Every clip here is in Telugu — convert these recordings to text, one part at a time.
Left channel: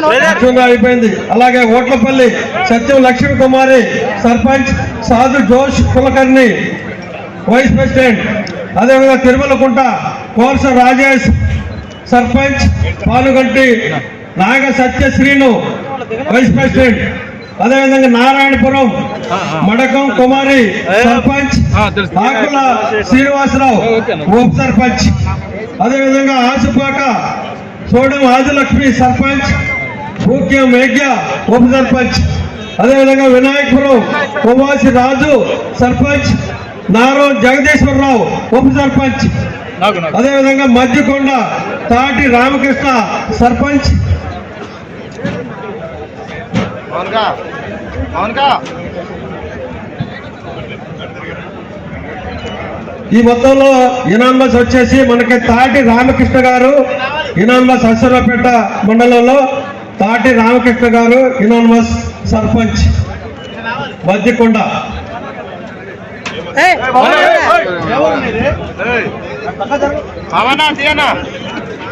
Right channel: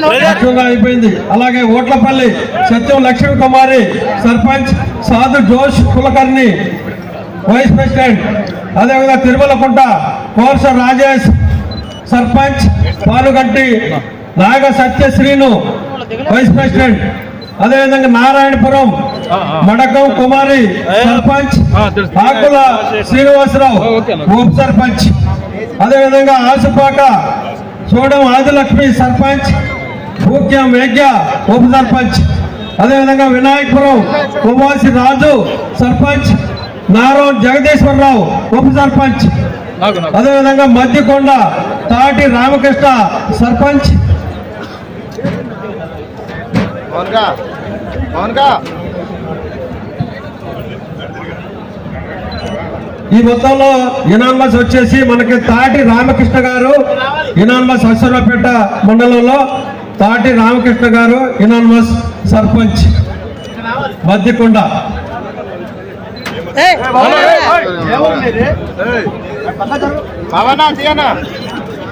మొబైల్ ఫోన్ అయిపోయింది. అలాగే ఓట్లపల్లి సత్యం లక్ష్మీ కుమారి సర్పంచ్ సాధు జోష్ కులకర్ణి వైస్ ప్రెసిడెంట్. అదేవిధంగా తిరుమలకుంట కోర్స రాజేష్ సర్పంచ్ పాలుగంటి నాగ సత్య శ్రీను వైస్ ప్రెసిడెంట్ అదేవిధంగా నారాయణపురం మడకం కుమారి సర్పంచ్ ఆకుల శ్రీనివాసరావు ఉప సర్పంచ్. అదేవిధంగా ఆసుపాక చూడం ఆదిలక్ష్మి సర్పంచ్ పూక్య మేఘ్య ఉప సర్పంచ్. అదేవిధంగా వినాయకపురం కుమాసి రాజు సర్పంచ్ నారం జగదీశ్వరరావు ఉప సర్పంచ్. అదేవిధంగా మధ్యకొండ తాటి రామకృష్ణ సర్పంచ్. మౌన్గా మౌన్గా ఈ మొత్తంలో ఇనామస్ వచ్చేసి మనకి తాటి రామకృష్ణ గారు ఇనామస్ అసురపేట మండలంలో తాటి రామకృష్ణ గారు ఇనామస్ సర్పంచ్ మధ్యకొండ పవనా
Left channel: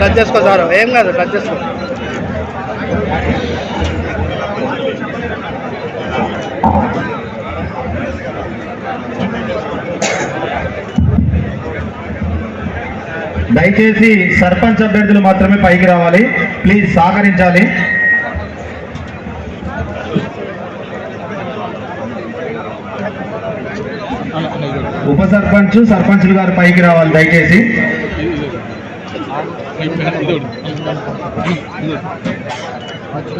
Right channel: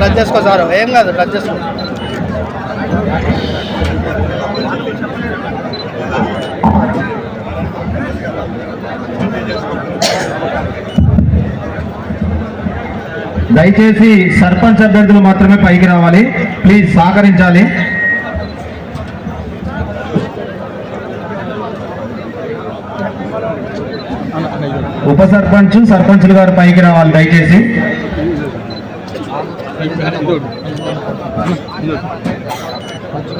టచ్ చేసుకో సార్. ఏం కాదు టచ్ చేసుకో. దయచేసి సర్పంచ్ అభ్యర్థులు మాత్రమే పైకి రావాలి. ప్లీజ్ సహకరించాలి. ఉప సర్పంచ్ సర్పంచులు గారు పైకి రావాలి. దయచేసి.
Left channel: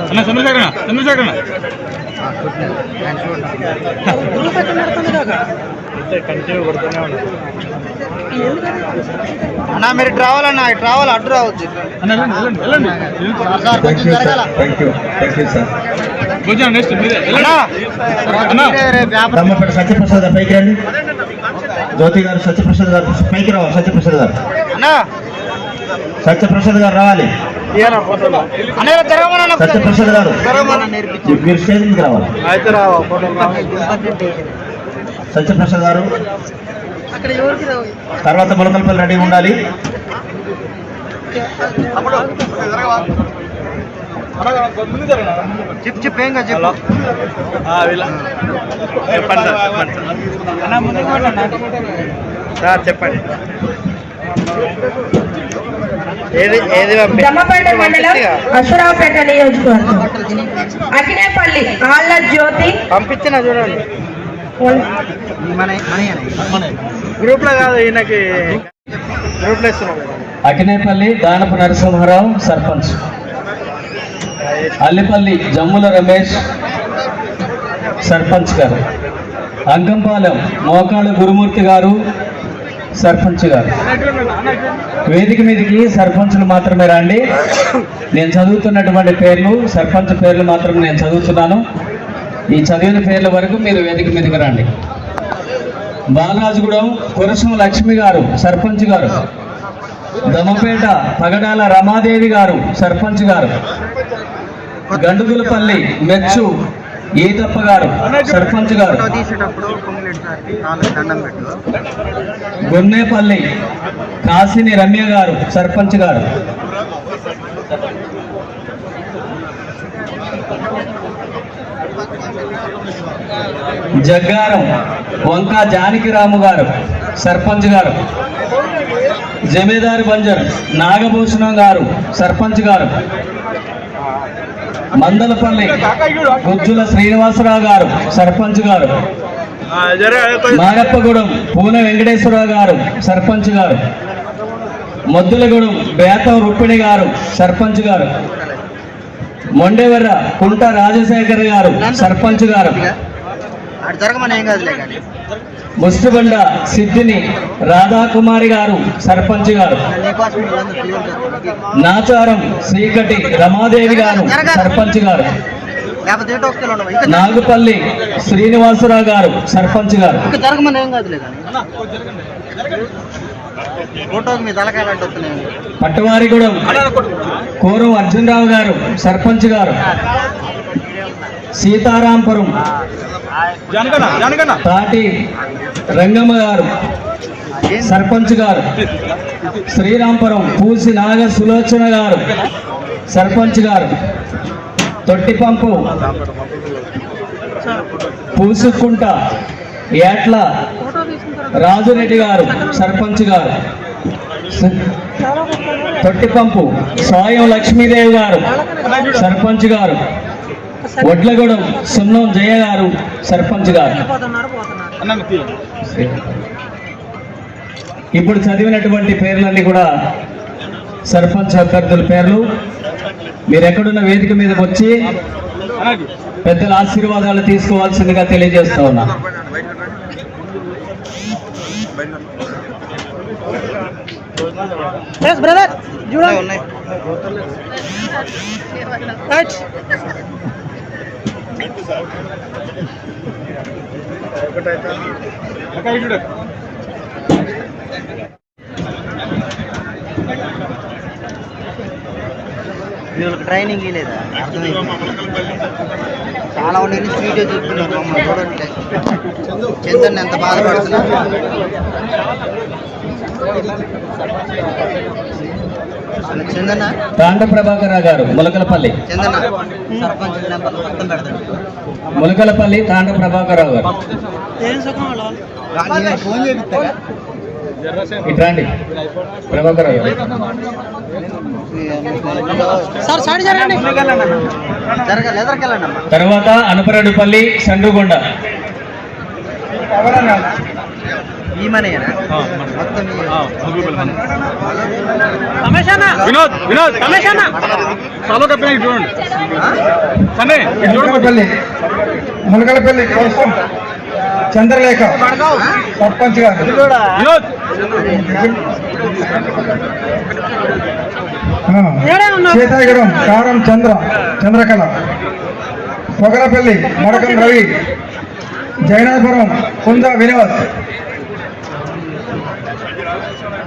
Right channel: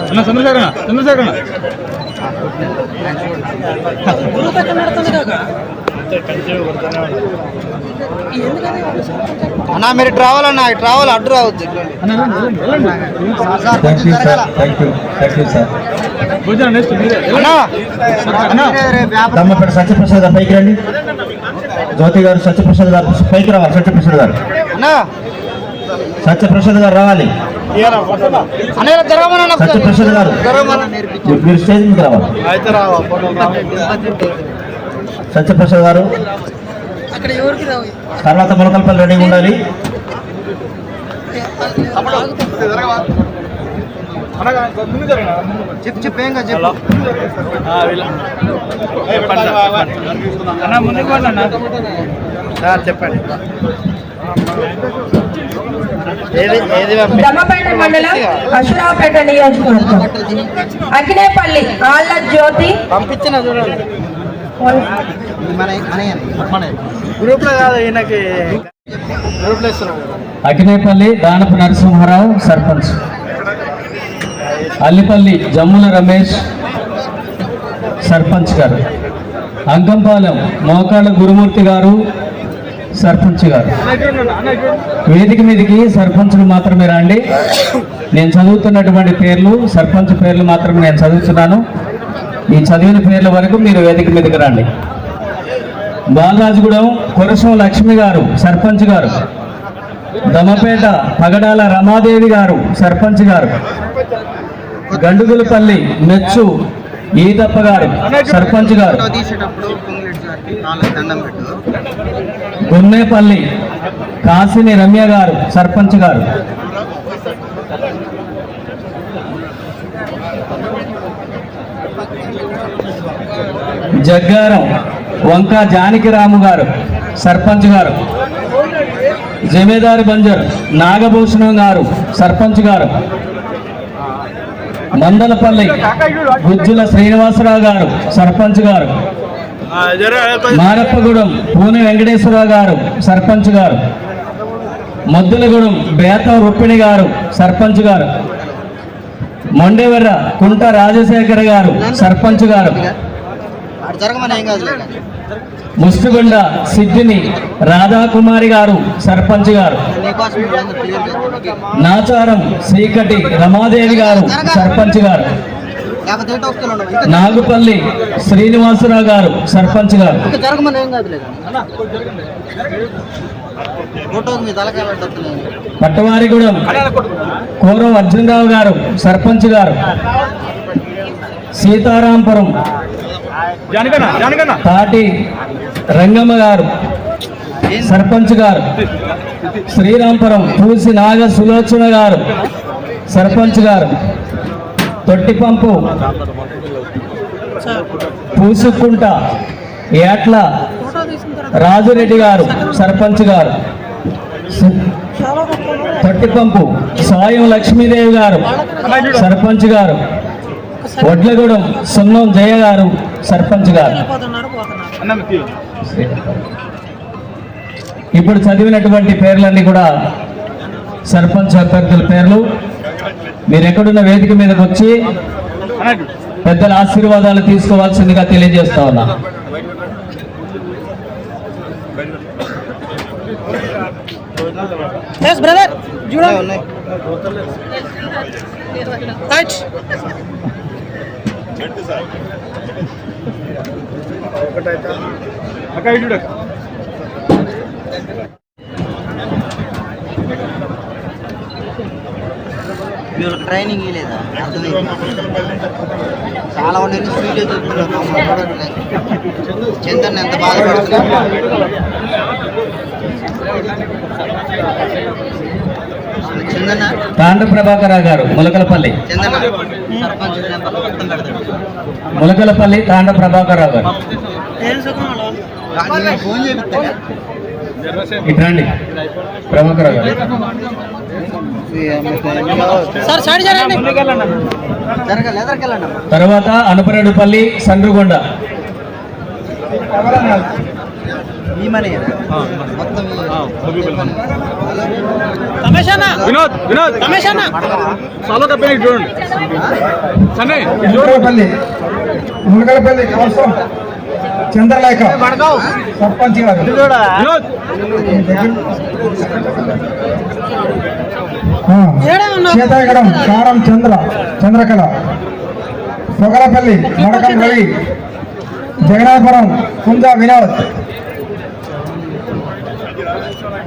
అన్న చంద్రశేఖరణ చంద్రశేఖరణ అన్నా మీరు ట్రావెల్ అన్నా ట్రావెల్ అడ్డు రావచ్చు అన్న నెక్స్ట్ మీరే అన్నా, అన్న. దమ్మపేట సత్యప్రసాద్ గారు పైకి రండి. జ్యోతి గారు సత్యప్రసాద్ గారు పైకి రావాలి సత్యప్రసాద్ గారు. అన్నా. సత్యప్రసాద్ గారు రావాలి. సత్యప్రసాద్ గారు. మీరు స్టేజ్ మీద. సత్యప్రసాద్ తర్వాత మొలకల్పల్లి రెడీగా ఉండాలి. చెప్పండి సార్ చెప్పండి అన్న ముందుకు పోండి అన్న సార్ చెప్పండి ఏది ఏది దమ్మపేట మండలం అశ్వరావుపేట నియోజకవర్గం. అకినేపల్లి ఆళ్ళ జ్యోతి. పంపించిన చూడండి. గ్రూప్లో కాదు ఈయనకి గ్రూప్లో ఇస్తున్నాం కదా. అకినేపల్లి దానపు నరసింహారావు సర్పంచ్. అల్లిపల్లి జమ్ముల రమేష్ సర్పంచ్ గారు. అంకంపాలెం మోకాళ్ళ గురుమూర్తి గారు సర్పంచ్ గారు. వేదిక మీదకి సర్పంచ్లు మాత్రమే రండి. నేను చదువుతున్నటువంటి పేర్లు సర్పంచ్ పేర్లు మాత్రం నేను చదువుతున్నాను. ఈ చదివిన పేర్ల వరకు మీరు వేదిక మీదకి రండి. బాలరాజుగూడెం కురసం లక్ష్మి గారు సర్పంచ్ గారు. దమపేట పగడాల రమాదేవి గారు సర్పంచ్ గారు. గండుగులపల్లి మెచ్చు ఈతప్ప గారు సర్పంచ్ గారు. గొన్నేపల్లి కాసిని రమ్య గారు సర్పంచ్ గారు. జగ్గారం వంక జానకిరాము గారు సర్పంచ్ గారు. జమీదారు బంజర్ నాగభూషణం గారు సర్పంచ్ గారు. మందలపల్లి గుజ్జుల శ్రీనివాసరావు గారు సర్పంచ్ గారు. మారప్పగూడెం పూనె వెంకటేశ్వరరావు గారు సర్పంచ్ గారు. మద్దులగూడెం బేత రుక్మిణి గారు సర్పంచ్ గారు. మొండెవర్ర కుంట రాజశేఖర్ గారు సర్పంచ్ గారు. ముస్తుబండ సిద్ధిని రాధాకుమారి గారు సర్పంచ్ గారు. నాచారం శ్రీకటి రమాదేవి గారు సర్పంచ్ గారు. నాగుపల్లి శ్రీనివాసరావు గారు సర్పంచ్ గారు. పట్టవారిగూడెం కోరం అర్జునరావు గారు సర్పంచ్ గారు. సీతారాంపురం తాటి రంగమ్మ గారు సర్పంచ్ గారు శ్రీరాంపురం పూసి నాగ సులోచన గారు సర్పంచ్ గారు తొట్టిపంపు పూసుకుంట ఏట్ల రాజురెడ్డి గారు సర్పంచ్ గారు తొట్టి తొట్టిపంపు సాయం లక్ష్మీదేవి గారు సర్పంచ్ గారు వడ్లగూడెం సున్నం జయ గారు సర్పంచ్ గారు. ఇప్పుడు చదివినటువంటి పేర్లన్నీ కూడా సర్పంచ్ అభ్యర్థుల పేర్లు. మీరు ఎక్కడున్న వేదిక మీదకి వచ్చి అన్నకి పెద్దల ఆశీర్వాదాలు తీసుకోవాల్సిందిగా తెలియజేస్తా ఉన్నా. ఉన్నాయి అక్క ఇటు చూడు. మీరు ట్రైనింగ్ లేదా చాలా ఉండే స్వీట్ చందన్ ఎంత బాగా తాండ ప్రభాకరరావు గారు ములకలపల్లి. ములకలపల్లి తాండ ప్రభాకరరావు గారు. నేను ఫోన్ చేపిస్తాను ఇటు రండి ప్రభాకరరావు గారు. సార్ సైడ్ జరగండి. జరగాలి ఎదరికెళ్ళండి తర్వాత అనపరెడ్డిపల్లి ఈ- వినోద్ వినోద్. చాలా కప్పిన ఇటు చూడండి. సన్నీ ఇటు చూడండి ములకలపల్లి ములకలపల్లి కోసం చంద్రలేఖ. సర్పంచ్ గారు. వినోద్. సీతాగడం కారం చంద్ర చంద్రకళ. పొగలపల్లి మడకం రవి. జగన్నాథపురం కుంద వినోద్.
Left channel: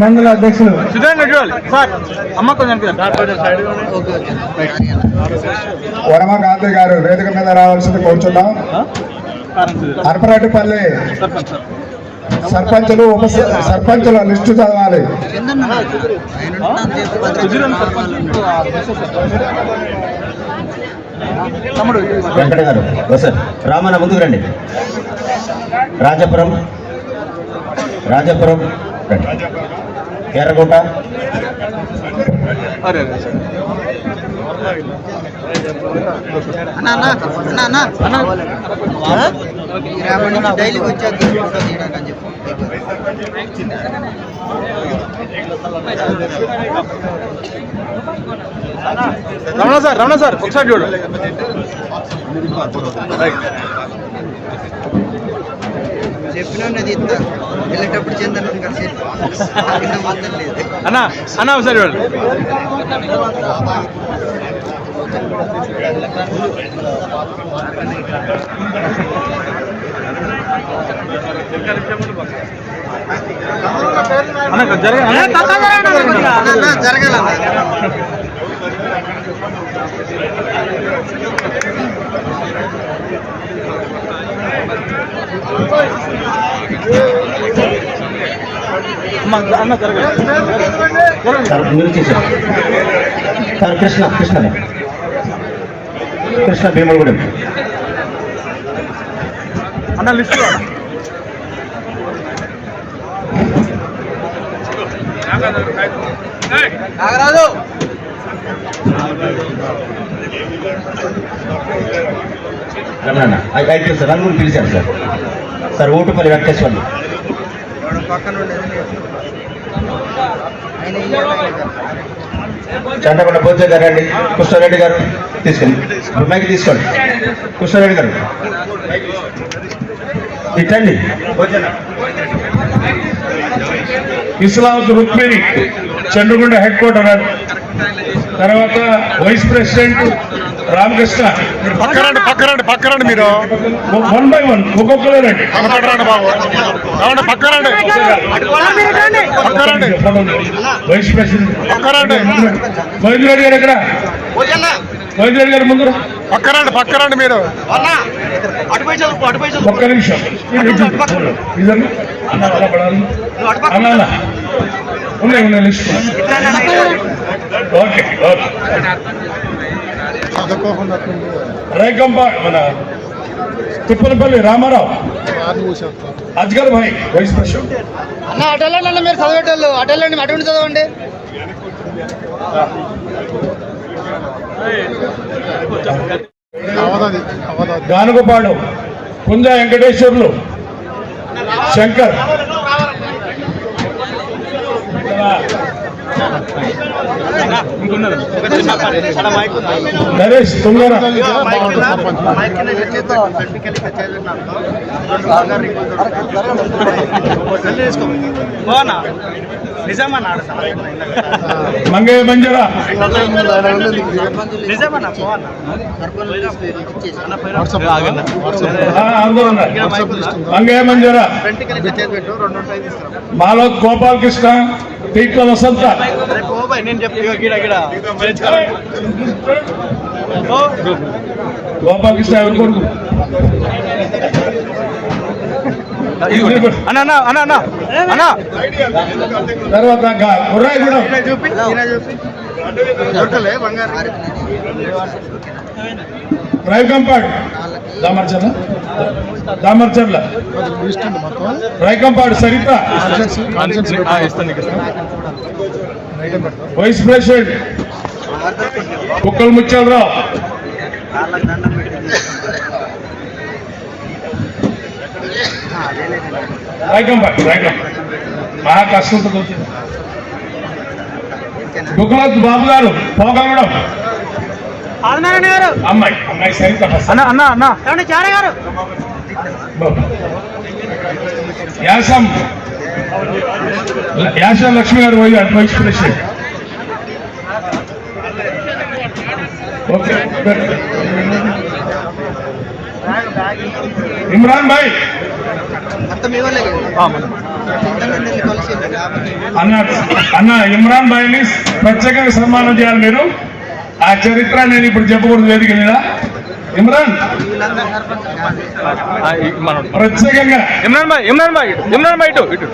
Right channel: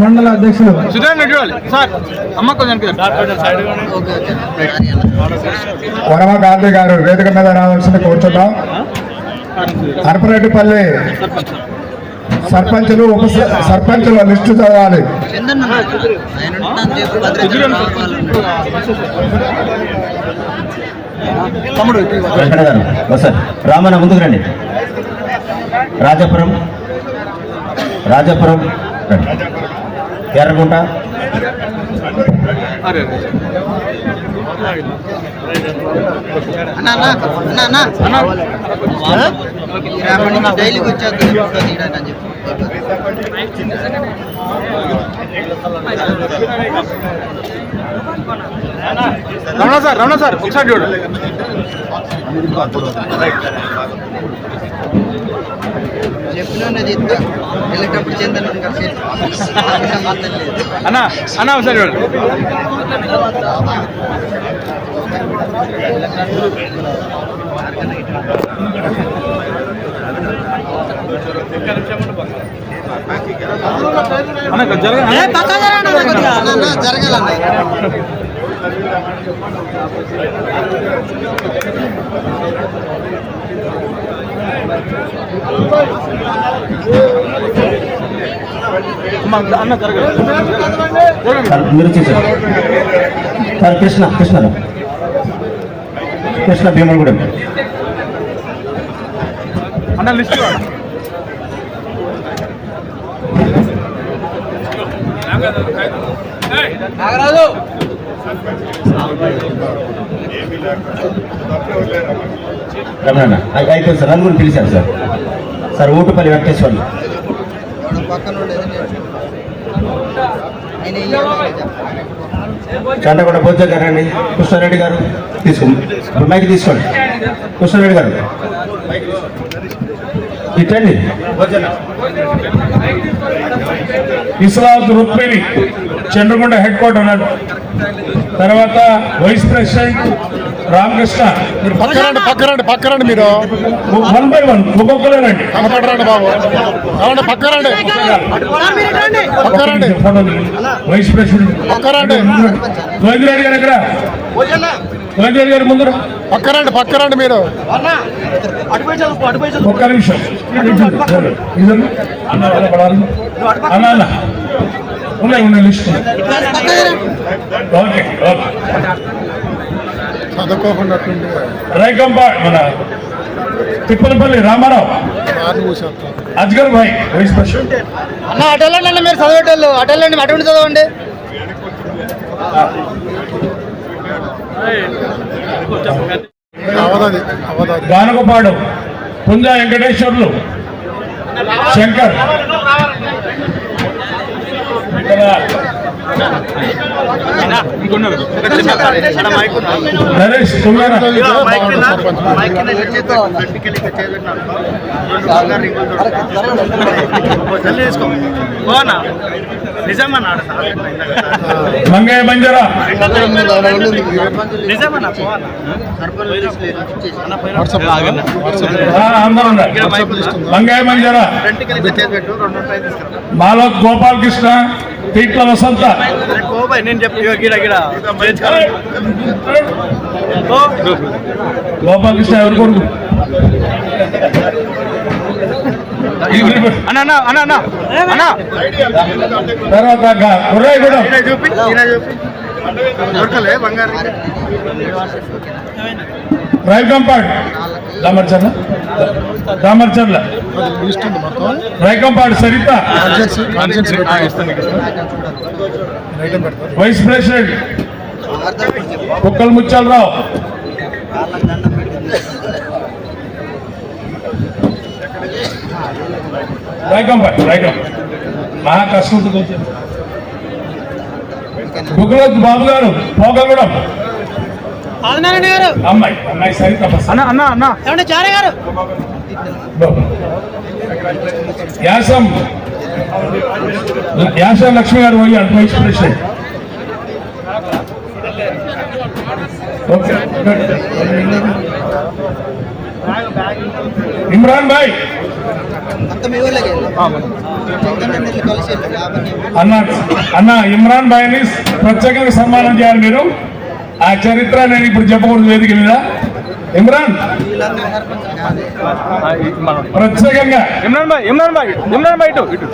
మండల అధ్యక్షులు. సుధీరన్న చూడాలి సార్ అమ్మ కొంచెం వరమ గాంధీ గారు వేదిక మీద రావాల్సింది సర్పంచులు ఉప సర్పంచుల లిస్టు చదవాలి. తమ్ముడు వెంకట గారు సార్ రామన్న ముందుకు రండి. రాజపురం. రాజపురం. ఎర్రగుంట. అరే రమణ సార్ రమణ సార్. ఒకసారి చూడండి. అన్న అన్న ఒకసారి చూడండి అన్న జరగ జరగాలన్న సార్ మీరు చూసారు సార్ కృష్ణ కృష్ణ కృష్ణ భీములగూడెం అన్న లిస్ట్ నాగరాజు. రమణ అయిపోయింది సార్ కూడా పిలిచాను సార్. సార్ వెంకటేశ్వర్లు. నేను. ఆయన ఇయ్యాలి చండగొండ బోధ్య గారు అండి కృష్ణారెడ్డి గారు తీసుకుంది మైకి తీసుకోండి. కృష్ణారెడ్డి గారు. ఇట్టండి ఇస్లాం రుక్మిణి చంద్రగొండ హెడ్ క్వార్టర్ గారు తర్వాత వైస్ ప్రెసిడెంట్ రామకృష్ణ పక్కరండి పక్కరండి పక్కరండి మీరు. వన్ బై వన్ ఒక్కొక్కలేనండి కనపడరండి బాబు. ఏమండి పక్కరండి పక్కరండి వైస్ ప్రెసిడెంట్. పక్కరండి గోవింద్ రెడ్డి గారు ఎక్కడ? గోవింద్ రెడ్డి గారు ముందర. పక్కరండి పక్కరండి మీరు. ఒక్క నిమిషం. అలా ఉన్నాయి లిస్ట్. Okay okay. చదువుకోకుండా తిప్పలపల్లి రామారావు. అజ్గర్ భాయ్ వైస్ ప్రెసిడెంట్. అన్న అటెళ్ళండి మీరు చదివేటోళ్ళు. అటెళ్ళండి అటువంటి చదవండి. అవదాది అవదాది గానుగపాడు పుంజ వెంకటేశ్వర్లు శంకర్. పెట్టు. రెండు ఉంటాయి తీసుకురా. మాలోక్ గోపాలకృష్ణ పీట్ల వసంత. నేను చెప్పి. గిడ గిడ. గోపాలకృష్ణ ఎవరు తర్వాత చూపి దొరకలే బంగారు దామర్చర్ల దామర్చర్ల సరిత వైస్ ప్రెసిడెంట్ కుక్కల రైకంపాడ్ రైకంపాడ్ మహా కష్టంతో గుగ్గులత్ బాబు గారు పోగలగడం ఆదినారాయణ గారు. అమ్మాయి అమ్మాయి సరిత అన్న అన్న అన్న. గారు. యాసం యాస లక్ష్మి గారు పోయి అటు vice president okay good. Imran భాయ్. అన్న అన్న ఇమ్రాన్ భాయ్ని ప్రత్యేకంగా సన్మానం చేయాలి మీరు. ఆ చరిత్ర నేను ఇప్పుడు చెప్పకూడదు వేదిక మీద. ఇమ్రాన్. ప్రత్యేకంగా. ఇమ్రాన్ భాయ్ ఇమ్రాన్ భాయ్ ఇమ్రాన్ భాయ్ ఇటు ఇటు.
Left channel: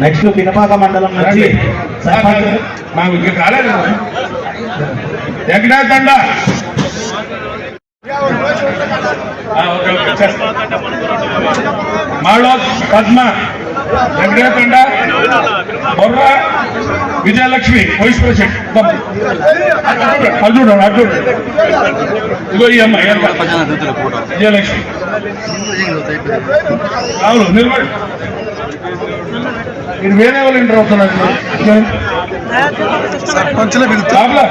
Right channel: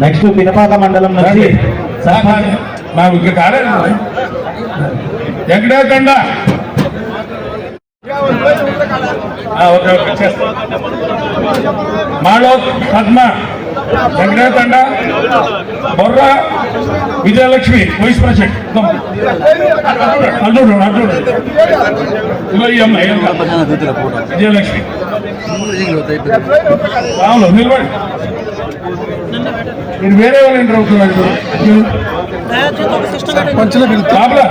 నెక్స్ట్ పినపాక మండలం నుంచి మాకు ఇంకా కాలేదు ఎక్కడే తండ ఆ, ఓకే మాడో పద్మ. తండ బొర్ర. విజయలక్ష్మి వైస్ ప్రెసిడెంట్ అల్లుడు అల్లుడు ఇగో ఈ అమ్మాయి విజయలక్ష్మి. అవును నిలబడి. మీరు వేరే వాళ్ళు ఎంటర్ అవుతున్నారు సర్పంచ్లో బాబులా